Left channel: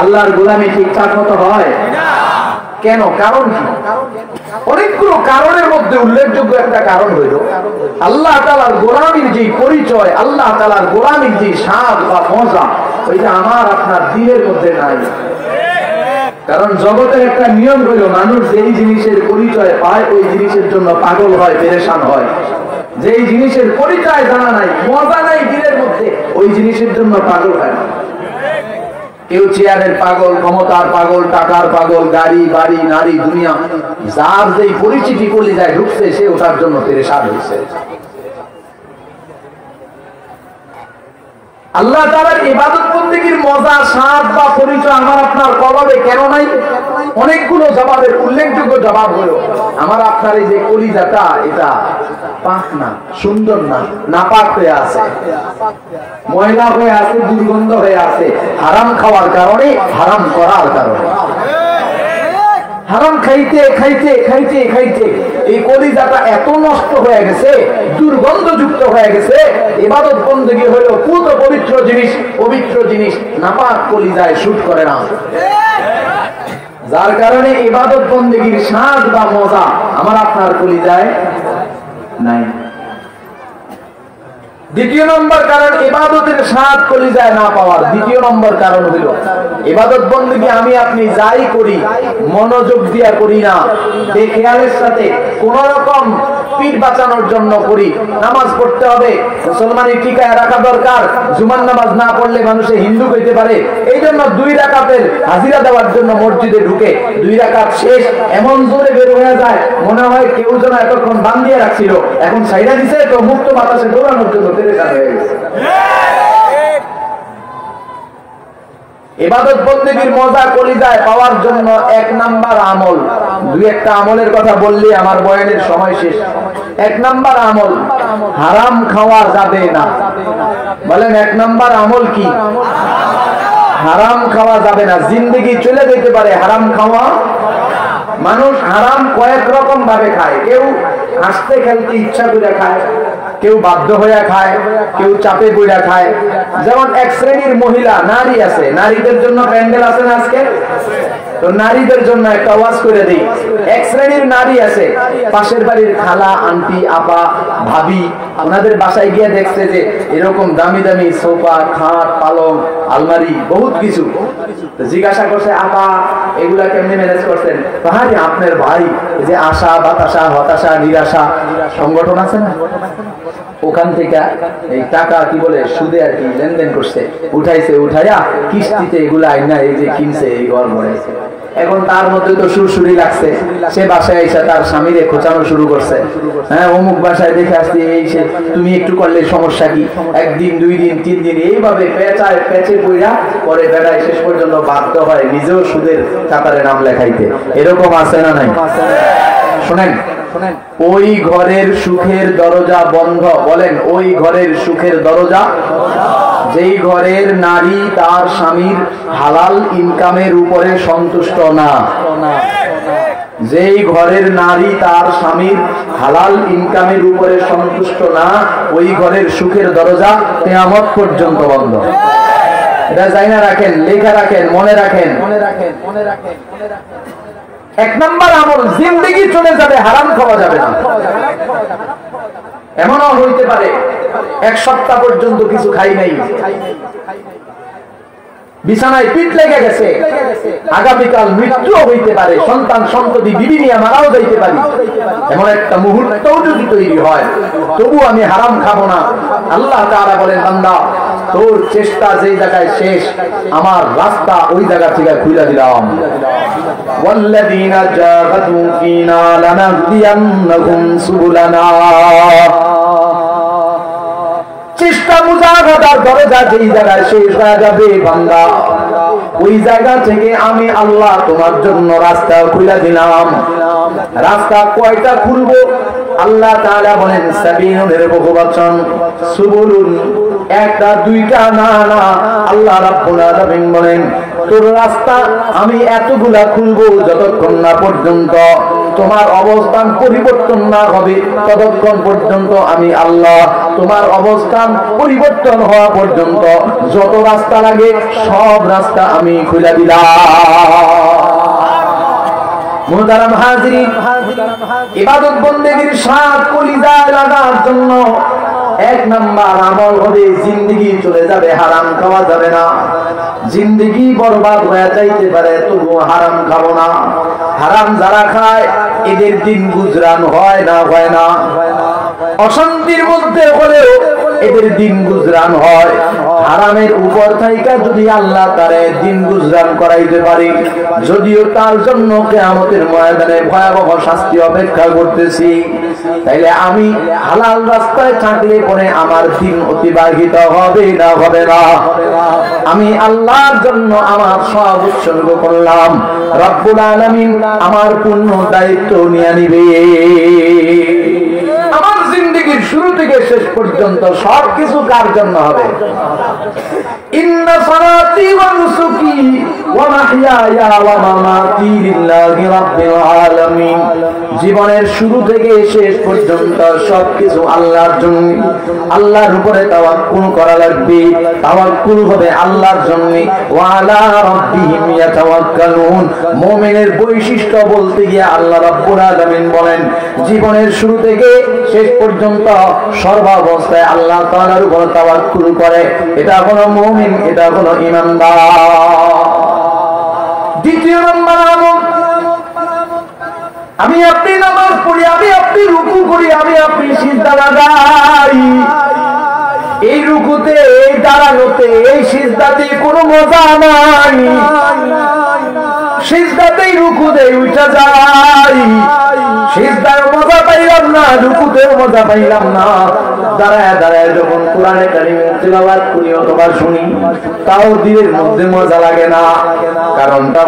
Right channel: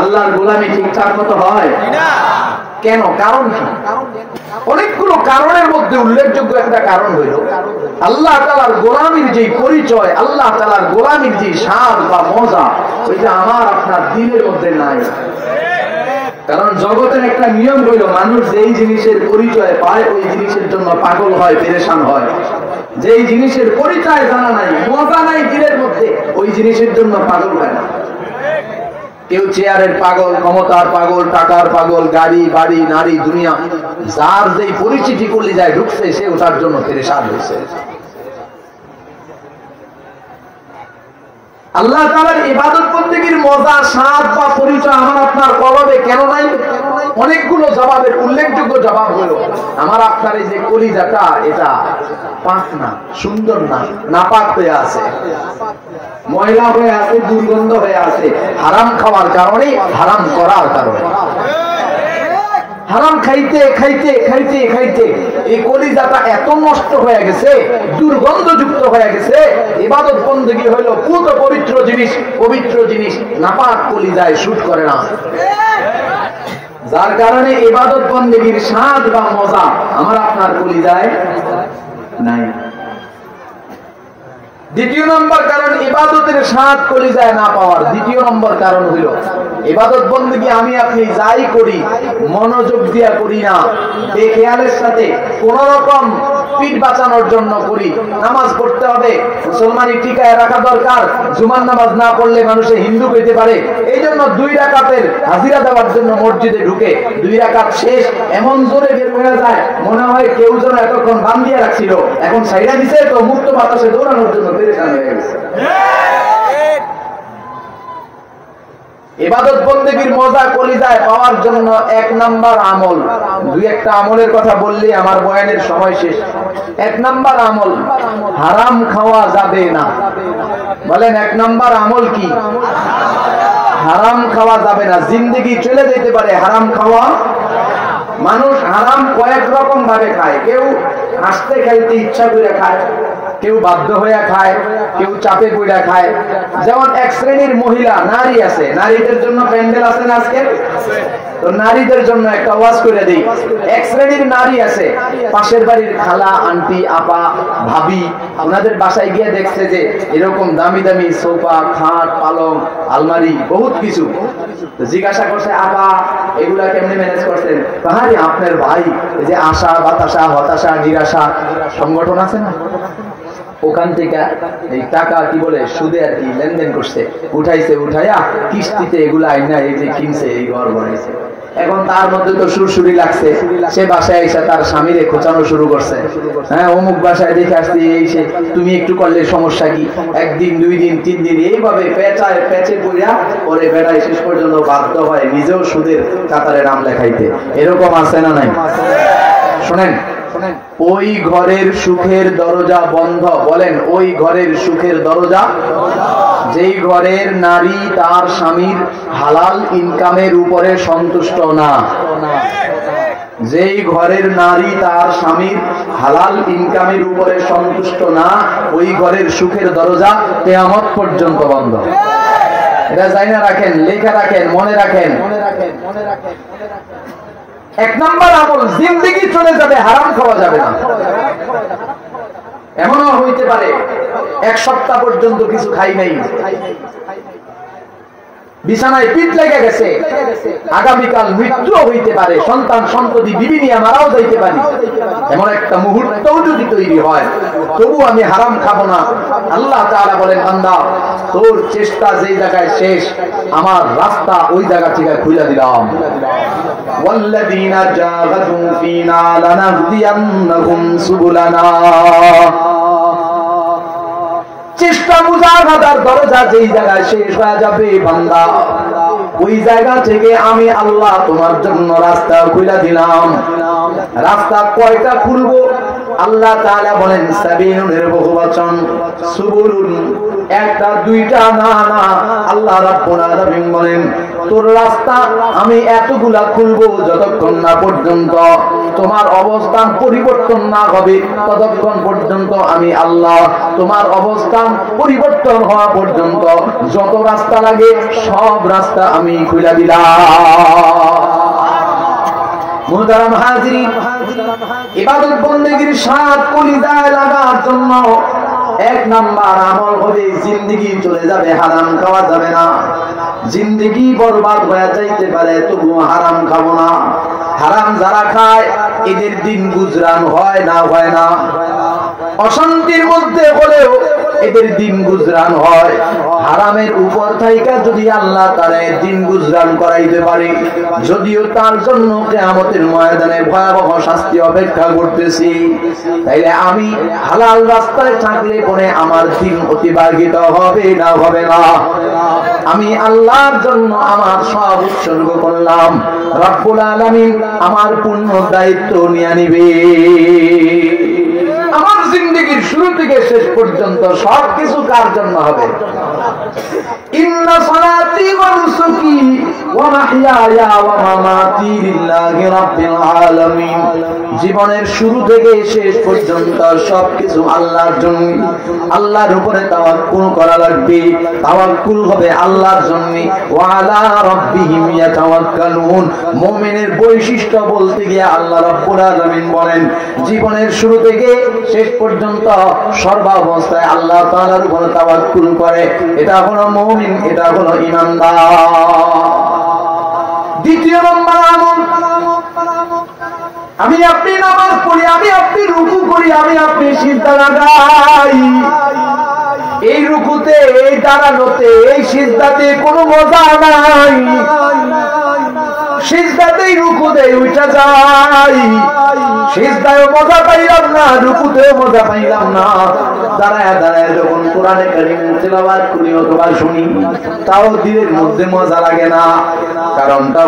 আল্লাহর গোলামি ঠিকঠাক মতো হয় কেন? কারণ অনেকগুলো কারণের মধ্যে উল্লেখযোগ্য একটা কারণ হইল আল্লাহ তাআলার গোলামির যে পরিচয়, আল্লাহ তাআলার গোলামির যে স্বাদ বা মজা, ওইটা আমার আপনার দিনের মধ্যে নাই। কারণ জগতের একটা নিয়ম হইল মানুষ যেই জিনিসের পরিচয় পায় ওই জিনিসের জন্য পাগল হয়, পেরেশান হয়। যেই জিনিসের পরিচয় জানা নাই, মজা নাই দিনের মধ্যে, ওই জিনিসের জন্য পাগল হয় না। কেউ চেয়ারের পাগল, ক্ষমতার পাগল, টাকার পাগল, গাড়ি বাড়ি নারী দুনিয়া, যার যেই পরিচিতি করলে যায় ঢুকছে সে ওটার জন্য পেরেশান হয়েছে। আল্লাহ তাআলার ইবাদত বন্দেগীর মজা, স্বাদ বা পরিচয় আমার আপনার কলবে কেন নাই? অনেকগুলো জবাবের উল্লেখযোগ্য জবাব হলো আমার আপনার এই যে কলিজাটা, এটা পাক না, সুন্দর না, নাপাক হয়ে আছে, ময়লা হয়ে আছে, দুর্গন্ধ হয়ে আছে, হারাম খাওয়ার কারণে, হারাম করার কারণে। হারাম খাইতে খাইতে খাইতে খাইতে এই কলিজাটা এত নষ্ট হয়ে গেছে, দুর্গন্ধযুক্ত হয়ে গেছে। ইবাদত বন্দেগী হলো পুত পবিত্র জিনিস, পবিত্র জিনিস নাপাক কলিজায় শুট করে না, যার কারণে ইবাদত বন্দেগীর স্বাদ বা মজা আমার আপনার কলিজায় নাই। দ্বিতীয় নম্বর কারণ ইবাদতের স্বাদ কলিজায় না পাওয়ার, দ্বিতীয় নম্বর কারণ হইল ইবাদত বন্দেগী আমি আপনি যাই করি মনোযোগ দিয়া করি না, বেখেয়ালের সাথে কোন রকম পিঠ বাঁচানোর জন্য করি। নামাজ পড়তে হবে, মুসলমানি টিকায় রাখা দরকার, জুমার নামাজ না পড়লে মানুষে হিন্দু হইতে পারে, এই জন্য 2 রাকাতের হাজিরা দেওয়ার জন্য মসজিদে ঢুকে 2 রাকাত শেষ এমন জোরে বের হয়ে যায় মনে হয় কেউ যেন এতক্ষণ বান্ধিয়ে রাখছিল, এখন সাইডা দিছে তো মুক্ত বাতাসে দৌড়ানোর জন্য পেরেশান হয়ে গেছে। ইবাদত বন্দেগীর মজা কলিজায় পাওয়ার জন্য 1 নাম্বার আমল, 2-1টা আমলের কথা বললে আমার বয়ানের সময় শেষ। 1 নাম্বার আমল, হারাম খাওয়া যাবে না। বলেন 1 নাম্বার আমল কি? হারাম খাওয়া যাবে না। জিন্দেগি চলে যেতে পারে হারাম খাওয়া। মানুষ হারাম কয়েক রকম ভাবে খায়, কেউ হাসতে খেলতে ইচ্ছা করে খায়, কেউ বাধ্য হয়ে খায়, কেউ চাপে পড়ে খায়। যেমন এক শ্রেণীর মহিলা নারী আছে, নারীদের জন্য প্যান্ডেল আছে না আজকে, তো নারীদের জন্য একটা ওয়াজ করে দেই। এক শ্রেণীর নারী আছে, পাশের বাড়ির খালা, আন্টি, আপা, ভাবি, ওনাদের বাসায় গিয়ে দেখছে যে এরকম দামি দামি সোফা, খাট, পালং, আলমারি, বহুত কিছু। জিজ্ঞাসা করছে, আপা এগুলা কেমনে ম্যানেজ করছেন? আরে আপনার ভাই যে আশা বাতাসা হতাশা নিরাশা সংগঠন আছে না, ওখান থেকে এই টাকা কি বলে সুদে আর কি লেনদেন করছে, উঠাইছে, উঠাইয়া কিস্তিতে এগুলা আইনা এই যে কিনছে, এই ঘর বানাইছে। এখন তার মধ্যে তো সুরসুরি লাগছে, সে বাসায় এসে তার স্বামীরে খোঁচানো শুরু করছে। হ্যাঁ, অমুক বাসায় দেখে আসছে, এই সে, তুমি একটু করলে সমস্যা কি? 1 দিন 2 দিন 3 দিন এইভাবে পেঁচে পড়া পরে বেড়ায় শেষ পর্যন্ত বাধ্য হয় নিজেও সুদের কাতারে নাম লেখাইতে। এরকম আছে না নাই? শোনেন, ওই ঘরের সুখের দরজা বন্ধ। বলেন, ওই ঘরের সুখের দরজা, যেই ঘরের নারী তার স্বামীর হালাল ইনকামের উপরে সন্তুষ্ট না, যেই ঘরের নারী তার স্বামীর হালাল ইনকামের উপরে সন্তুষ্ট না, ওই ঘরের সুখের দরজা কিয়ামত পর্যন্ত বন্ধ। এটা জানা রাখেন, লেখা রাখেন, মনে রাখেন। 1 নাম্বার আমল, জিন্দেগি চলে যাবে, হারাম খাওয়া যাবে না। এমনও হইতে পারে 1 সপ্তাহ পর্যন্ত কিছু খাই নাই, বিছানায় পিঠ লেগে গেছে, আগামীকাল মৃত্যু হইতে পারে, সন্তান সন্ততি বিবি নিয়ে মারাও যাইতে পারি, এমন একটা মুহূর্তও যদি তৈরি হয়, তবু আমি হারাম খাবো না। আল্লাহ তাআলা বলেন, বান্দা তোর চেষ্টা যেই জায়গায় শেষ, আমার রাস্তা ওই জায়গা থেকে খুলে দিলাম। والذين جاهدوا فينا لنهدينهم سبلنا। চেষ্টা মুজাহাদার দরজা যেই জায়গায় শেষ হয়ে যাবে বান্দা, ওই জায়গা থেকে আমি আল্লাহ তোমার জন্য রাস্তা খুলে দিলাম। রাস্তা কয়টা খুলবো? আল্লাহ তাআলা বলেন সাবিলুনের বহুবচন, সুবুলুন একটা দুইটা না না, আল্লাহ রাব্বুল আলামিন বলেন তোর রাস্তা আমি এতগুলা খুলবো যতক্ষণ না পর্যন্ত তোমার অবস্থান পরিবর্তন না হবে, ততক্ষণ পর্যন্ত আমি আল্লাহ তোমার অবস্থান পরিবর্তন হওয়া পর্যন্ত যত রাস্তা লাগে সব রাস্তা আমি খুলে দিলাম। মুহতারাম হাজিরিন, ইবাদত বন্দেগীর স্বাদ কলিজায় লাগার জন্য এক নাম্বার আমল হবে জিন্দেগি চলে যাবে, হারাম খাওয়া যাবে না। জিন্দেগি বরবাদ হয়ে যাইতে পারে তবুও হারাম খাবো না। হারাম যারা খায় এদের দিন গুজরান হয় না, অশান্তির মধ্যে হলেও এদের দিন গুজরান হয়। হারামের উপর থাইকা যদি আল্লাহ তারে দিন গুজরান করাইতে পারে, যদিও তার জন্য কিয়ামতের ময়দানে ভয়াবহ শাস্তি অপেক্ষা করতেছি, তাইলে আমি হালাল রাস্তায় থাকলে পরে আমার দিন অতিবাহিত হবে না। আমি আল্লাহর জন্য আমার সব উৎসর্গ করলাম, রব্বুল আলামিন আমার পূর্ণ দায়িত্ব নিয়ে নিবে। আমার জিন্দেগির শুরু থেকে শেষ পর্যন্ত সবকিছু কার জন্য হবে? ইন্না সালাতি ওয়া নুসুকি ওয়া মাহইয়ায়া ওয়া মামাতি লিল্লাহি রাব্বিল আলামিন। জীবনের শুরু থেকে শেষ পর্যন্ত সবকিছু আল্লাহর জন্য। আল্লাহর উপরে তাওয়াক্কুল করা লাগবে, তাওয়াক্কুল হবে আল্লাহর জন্য। ওয়া আলা রাব্বিহিম ইয়াতাওয়াক্কালুন। মুমিনের বৈশিষ্ট্য বলতে গিয়ে আল্লাহ রাব্বুল আলামিন বলেন জীবনের শুরু থেকে শেষ পর্যন্ত সর্বাবস্থায় আল্লাহ তাআলার উপর তাওয়াক্কুল করে, এটা কোনো মুমিন, এটা কোনো ঈমানদার। দ্বিতীয় নম্বর আমল, আমি আপনি নামাজ পড়ি, আমি আপনি রুকু করি, আমি আপনি সিজদা লাগাই। এই রুকুতে, এই দাঁড়ানোতে, এই সিজদাতে কোনো মজা নাই। সিজদাতেই রুকুতে উঠে যাই, সিজদায় মজা পাইলাম না, রুকুতেও মজা পাইলাম না। দাঁড়ায় যখন কোরআনে কারীম তেলাওয়াত করি অথবা শুনি, তাও দিলের মধ্যে মজা লাগে না। কারণটা